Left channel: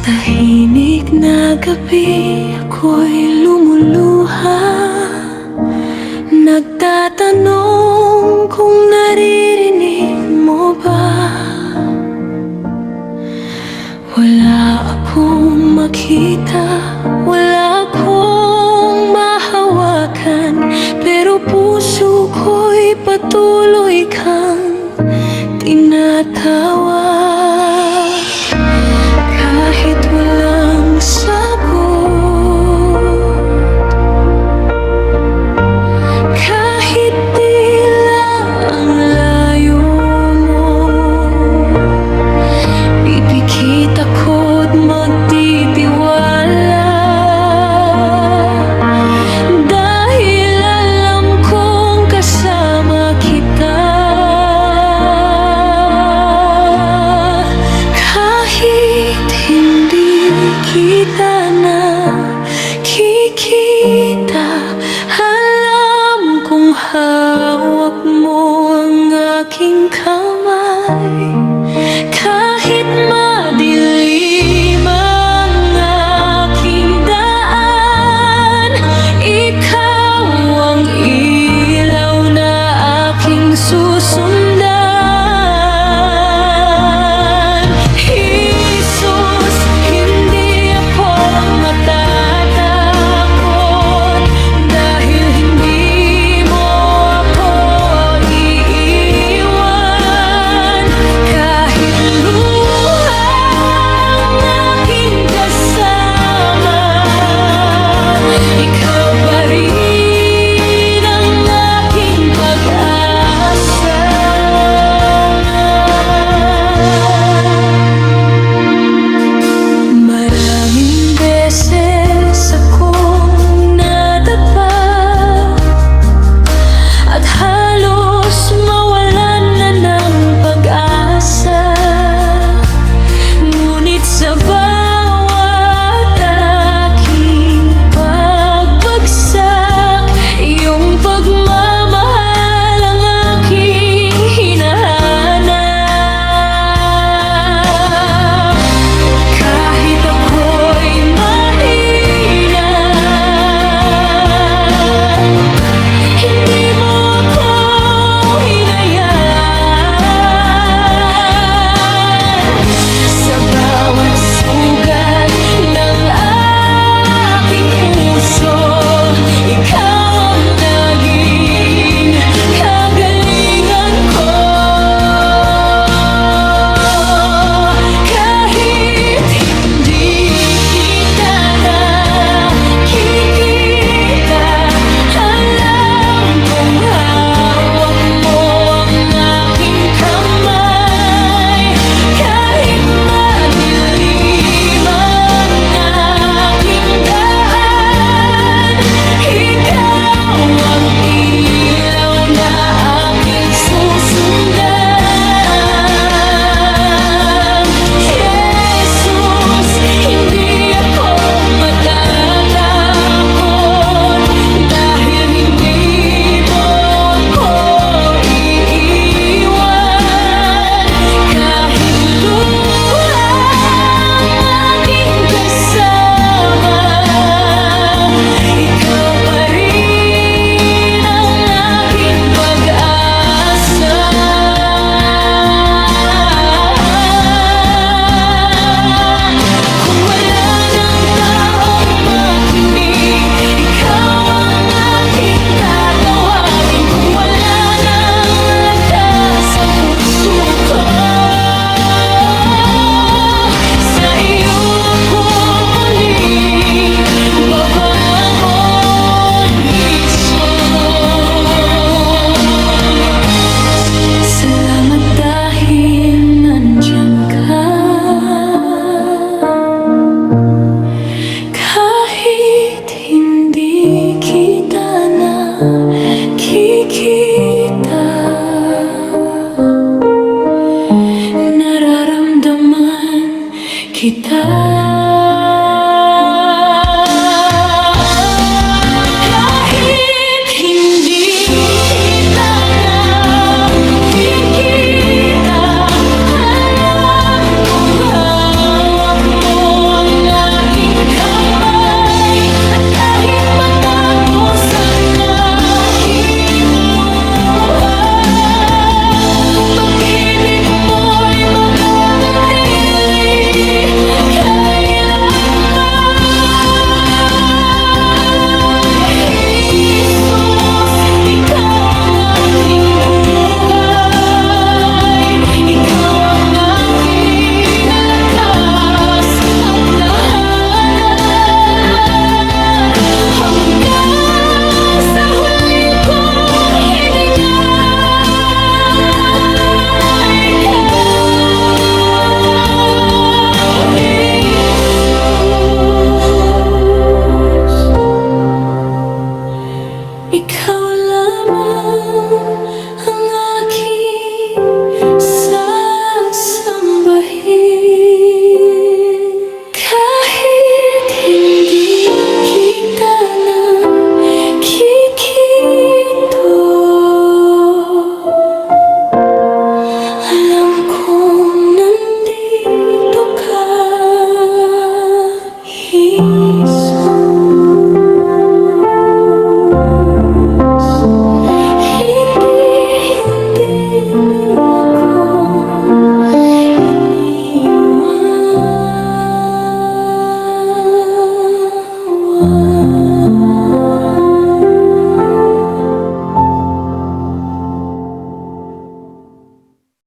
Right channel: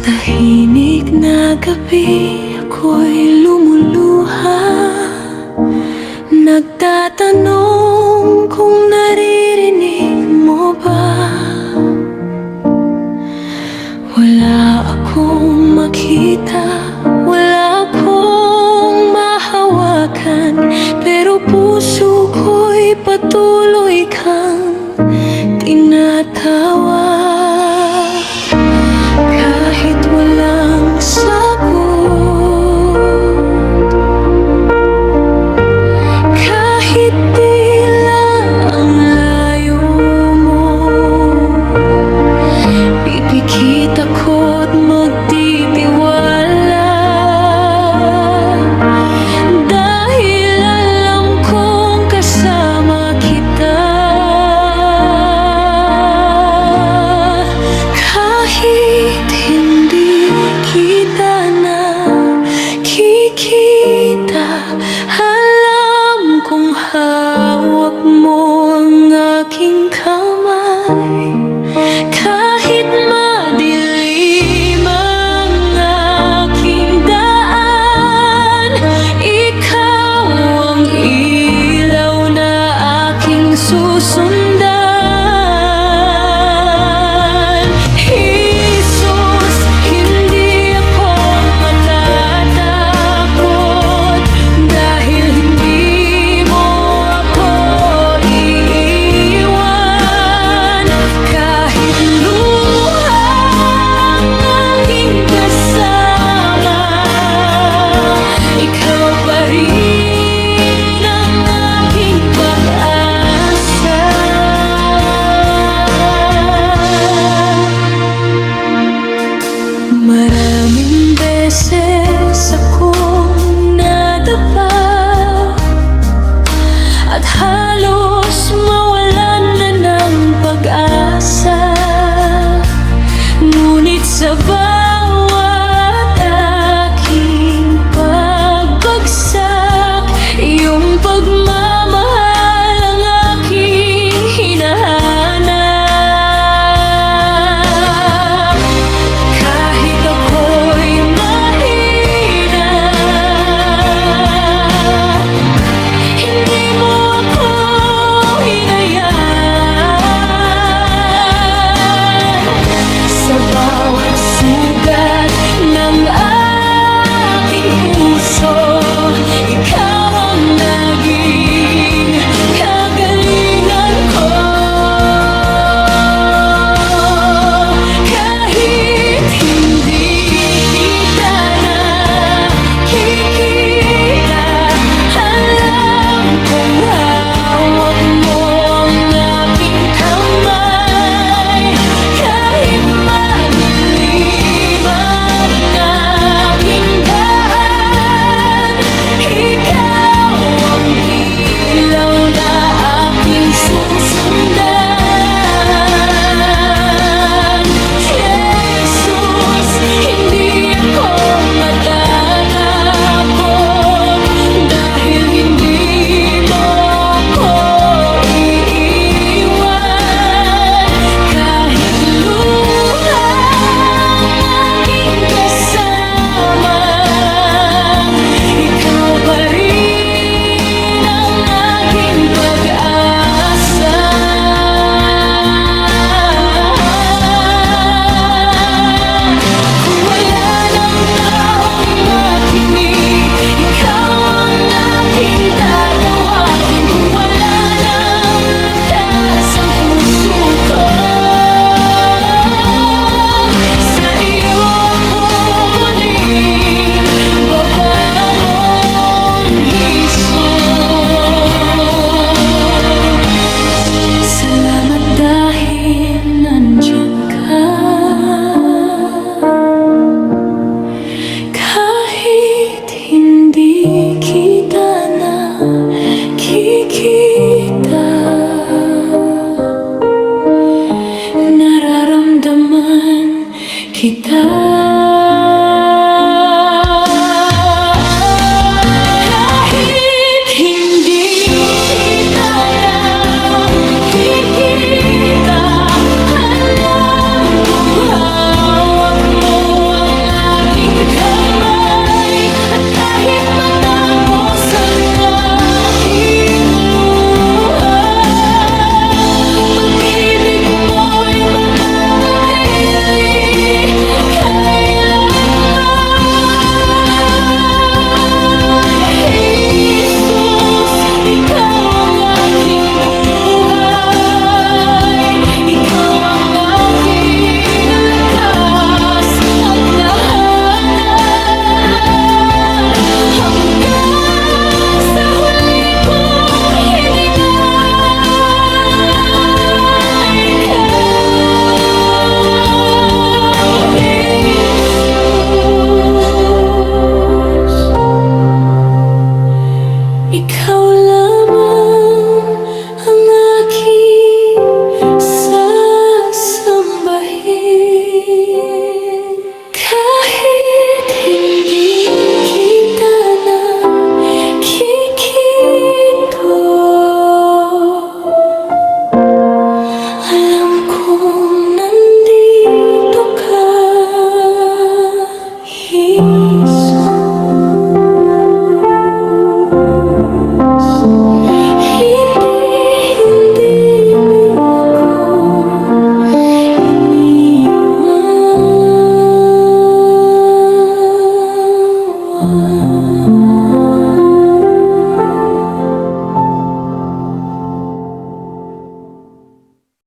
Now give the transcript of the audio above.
tahimik na gabi ako'y lumuluha, nagtatanong kung naririnig mo ba. Wala akong makita, wala akong mahawakan, pero puso ko'y patuloy kang tinatawag. Kahit walang sagot, kahit tila ang layo mo, pipikit ako't magtitiwala, dahil alam kong kasama kita. Kahit hindi kita nakikita, alam kong hawak mo ang aking kamay. Kahit madilim ang aking daan, ikaw ang ilaw na aking susundan. Jesus, hindi ako matatakot, dahil hindi mo ako iiwan. Kahit luha ang aking kasama, ikaw pa rin ang aking pag-asa. Maraming beses akong nadapa at halos mawalan na ng pag-asa, ngunit sa bawat aking pagbagsak, iyong pagmamahal ang aking hinahanap. Kahit ako'y mahina, hindi mo ako hinayaan. Sa bawat sugat ng aking puso, ikaw ang naging kagalingan ko. Kahit hindi kita nakikita, alam kong hawak mo ang aking kamay. Kahit madilim ang aking daan, ikaw ang ilaw na aking susundan. Jesus, hindi ako matatakot, dahil hindi mo ako iiwan. Kahit luha ang aking kasama, ikaw pa rin ang aking pag-asa. Kung wala ng taong makinig, ikaw ang aking tatawagin. Kung wala ng lakas ang puso ko, sa iyo ako muling babangon, Jesus. Salamat dahil nandyan ka. Kahit hindi kita nakikita, nararamdaman kita. Kahit hindi kita nakikita, alam kong hawak mo Ikaw